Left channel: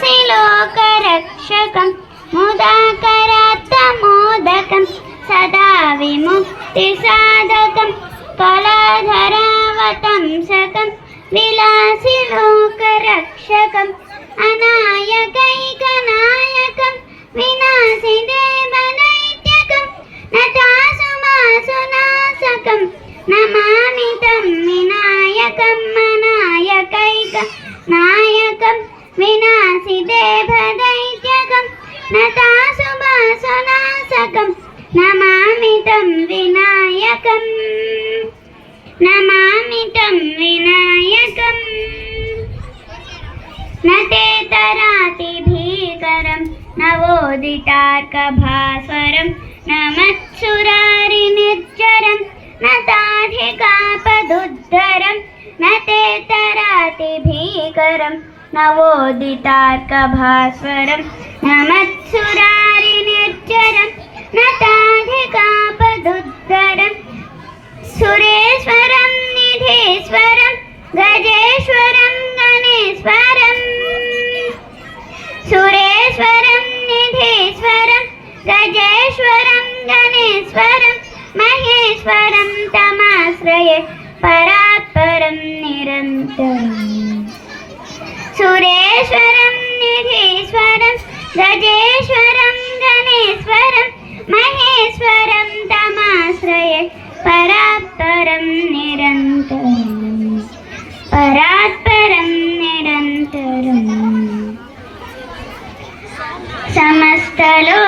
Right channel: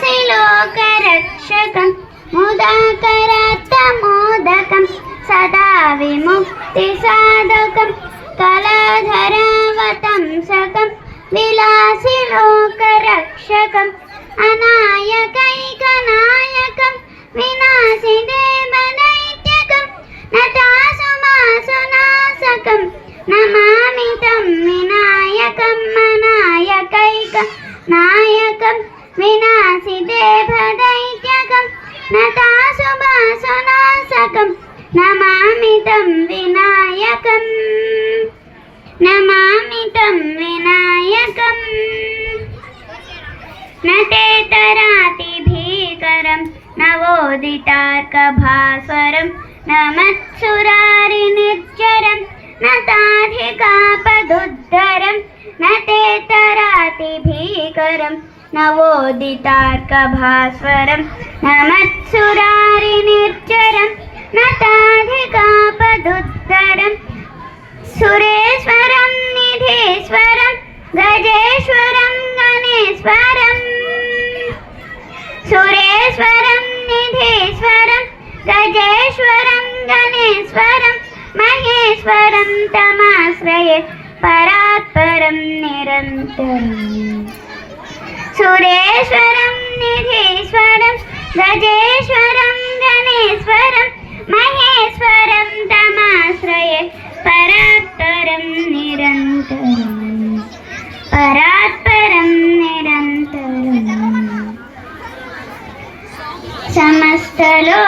विलासि लोकरक्षकं मुदाकरात्तमोदकं सदा विमुक्तिसाधकं कलाधरावतंसकं विलासि लोकरक्षकम् अनायकैकनायकं विनाशिदेवदैत्यकं नटासुमासुनाशकं नमामि तं विनायकम् अनायकैकनायकं विनाशिदेवदैत्यकं नटासुमासुनाशकं नमामि तं विनायकम् नमामि तं विनायकम् नतेतराति भीकरं नवोदितार्कभास्वरं नमत्सुरारिनिर्जरं नताधिकापदुद्धरं नतेतराति भीकरं नवोदितार्कभास्वरं नमत्सुरारिनिर्जरं नताधिकापदुद्धरं सुरेश्वरं निधीश्वरं गजेश्वरं गणेश्वरं सुरेश्वरं निधीश्वरं गजेश्वरं गणेश्वरं महेश्वरं तमाश्रये परात्परं निरन्तरम् सुरेश्वरं निधीश्वरं गजेश्वरं गणेश्वरं महेश्वरं तमाश्रये परात्परं निरन्तरम् परात्परं निरन्तरम्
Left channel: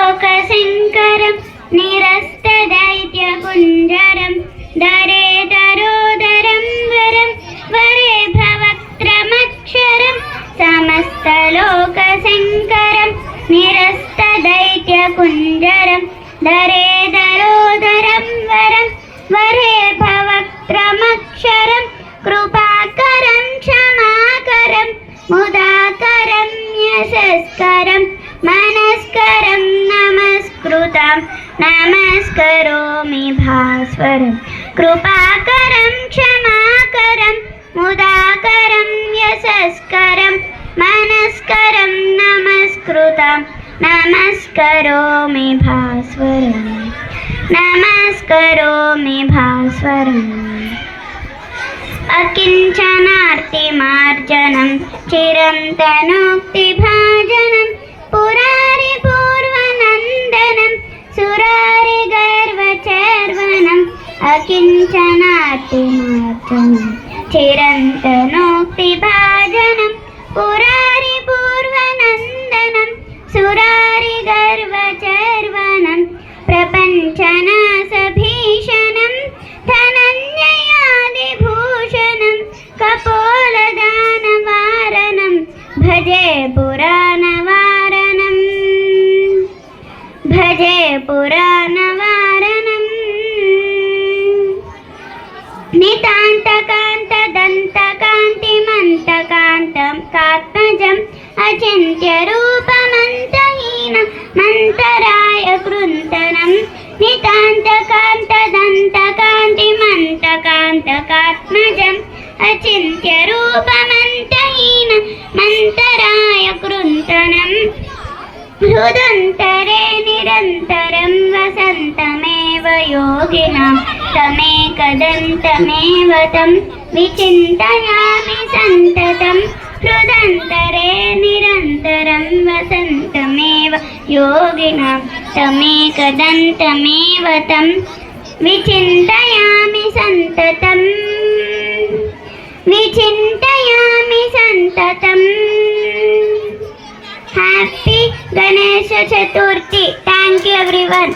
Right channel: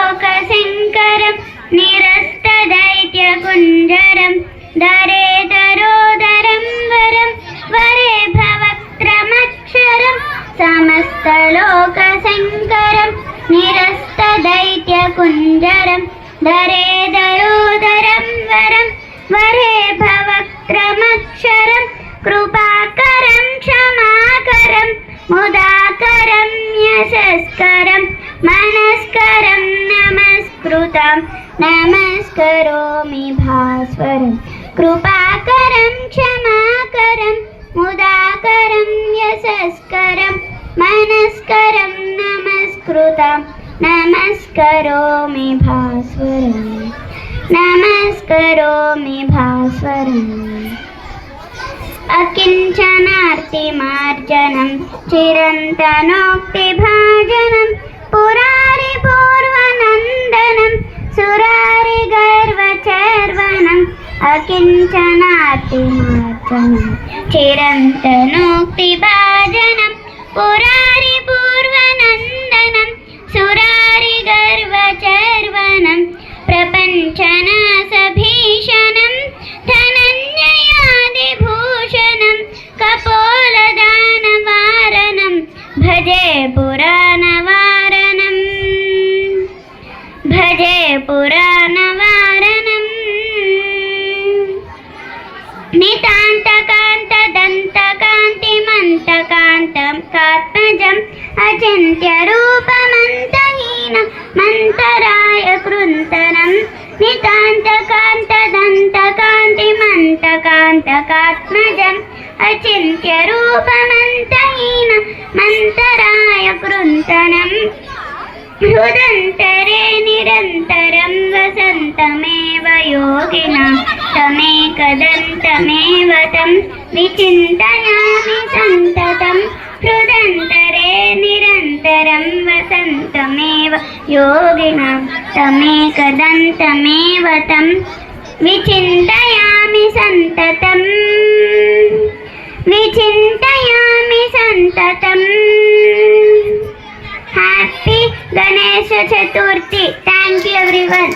समस्तलोकशङ्करं निरस्तदैत्यकुञ्जरं दरेदरोदरं वरं वरे भवक्त्रमक्षरं समस्तलोकशङ्करं निरस्तदैत्यकुञ्जरं दरेदरोदरं वरं वरे भवक्त्रमक्षरं कृपाकरं क्षमाकरं मुदाकरं यशस्करं मनस्करं नमस्कृतं नमस्करोमि भास्वरं कृपाकरं क्षमाकरं मुदाकरं यशस्करं मनस्करं नमस्कृतं नमस्करोमि भास्वरं नमस्करोमि भास्वरम् अकिञ्चनार्तिमार्जनं चिरन्तनोक्तिभाजनं पुरारिपूर्वनन्दनं सुरारिगर्वचर्वणम् अकिञ्चनार्तिमार्जनं चिरन्तनोक्तिभाजनं पुरारिपूर्वनन्दनं सुरारिगर्वचर्वणं प्रपञ्चनाशभीषणं धनञ्जयादिभूषणं कपोलदानवारणं भजे पुराणवारणं भजे पुराणवारणं नितान्तकान्तदन्तकान्तिमन्तकान्तं कात्मजम् अचिन्त्यरूपमन्तहीनं मन्तराय कृन्तनं नितान्तकान्तदन्तकान्तिमन्तकान्तकात्मजम् अचिन्त्यरूपमन्तहीनं मन्तराय कृन्तनं हृदन्तरे निरन्तरं वसन्तमेव योगिनां तमेकदन्तमेव तं विचिन्तयामि सन्ततं हृदन्तरे निरन्तरं वसन्तमेव योगिनां तमेकदन्तमेव तं विचिन्तयामि सन्ततं विचिन्तयामि सन्ततं happy Ganesh Chaturthi. Thank you everyone.